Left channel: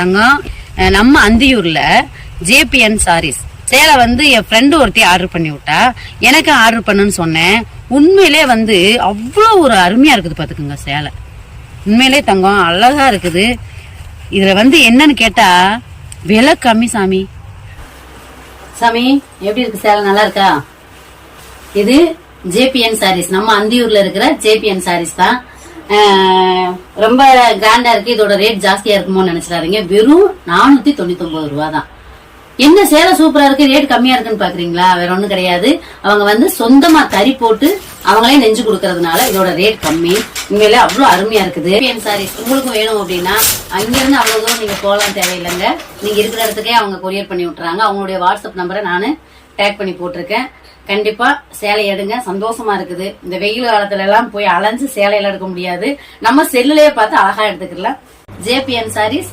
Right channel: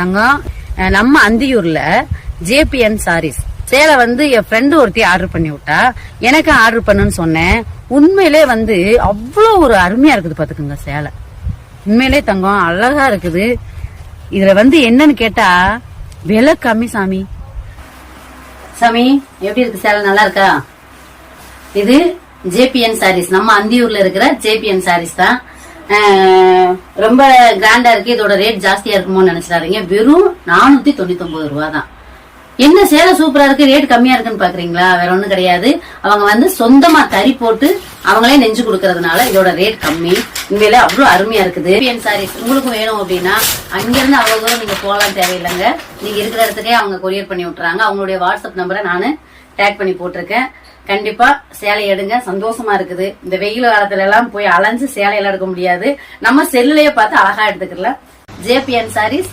தங்கம், நம்ம அந்தியூர்ல ஜேபிஎன் சாரீஸ் சேலை என் ஃப்ரெண்டு ஒருத்தி ஆர்டர் பண்ணி விட்டா. எனக்கு ஆர்டர் பண்ணுன்னு சொன்னேன். உண்மையிலே அவ்வளவு ஒரு அருமையா இருக்குது பாத்துக்குங்க. சேலை உண்மையிலே தங்கம் அழகா இருக்குது. இதுல என்னன்னு கேட்டா விலை கம்மி. சாமி எப்படி இருக்கு சேலை? நல்லா இருக்கா? இது ஜேபிஎன் சாரீஸ், நம்ம அந்தியூர்ல இருக்கிற ஜேபிஎன் சாரீஸ் தான். ரொம்ப கிராண்டா இருக்கு. இதோட ரேட் ஜாஸ்தியா இருக்குமோன்னு நினைச்சாருங்க. வெறும் 499 ரூபா தான். என்ன சேலை சூப்பரா இருக்கு, ரேட் கம்மியா இருக்குன்னு பாக்குறீங்களா? வேற ஒண்ணும் கிடையாது. அவங்க சொந்தமா தறி போட்டு அவங்களே நெஞ்சு கொடுக்கறதுனால இதோட ரேட் கம்மி. உண்மையில அவ்வளவு அருமையா இருக்குது. ஜேபிஎன் சாரீஸ் உங்களுக்கும் வேணும் அப்படின்னா அங்க இருந்து அவ்வளவு தூரம் நீங்க போலாம் தேவையில்லைங்க. நீங்க இருக்கிற இடத்துக்கே அவங்க கொரியர் பண்ணி விட்டுறாங்க. அவங்களுடைய வாட்ஸ்அப் நம்பரை நானு டேக் பண்ணி போட்டிருக்கேன். கண்டிப்பா சேலை எடுங்க, சந்தோஷமா இருக்குது. இந்த வெயில் காலத்துல எல்லாம் போய் அலைஞ்சு சேலையில எடுக்க முடியாது. நம்ம செல்லுலயே பார்த்து அழகா எடுத்துக்கலாம். ஜேபிஎன் சாரீஸ்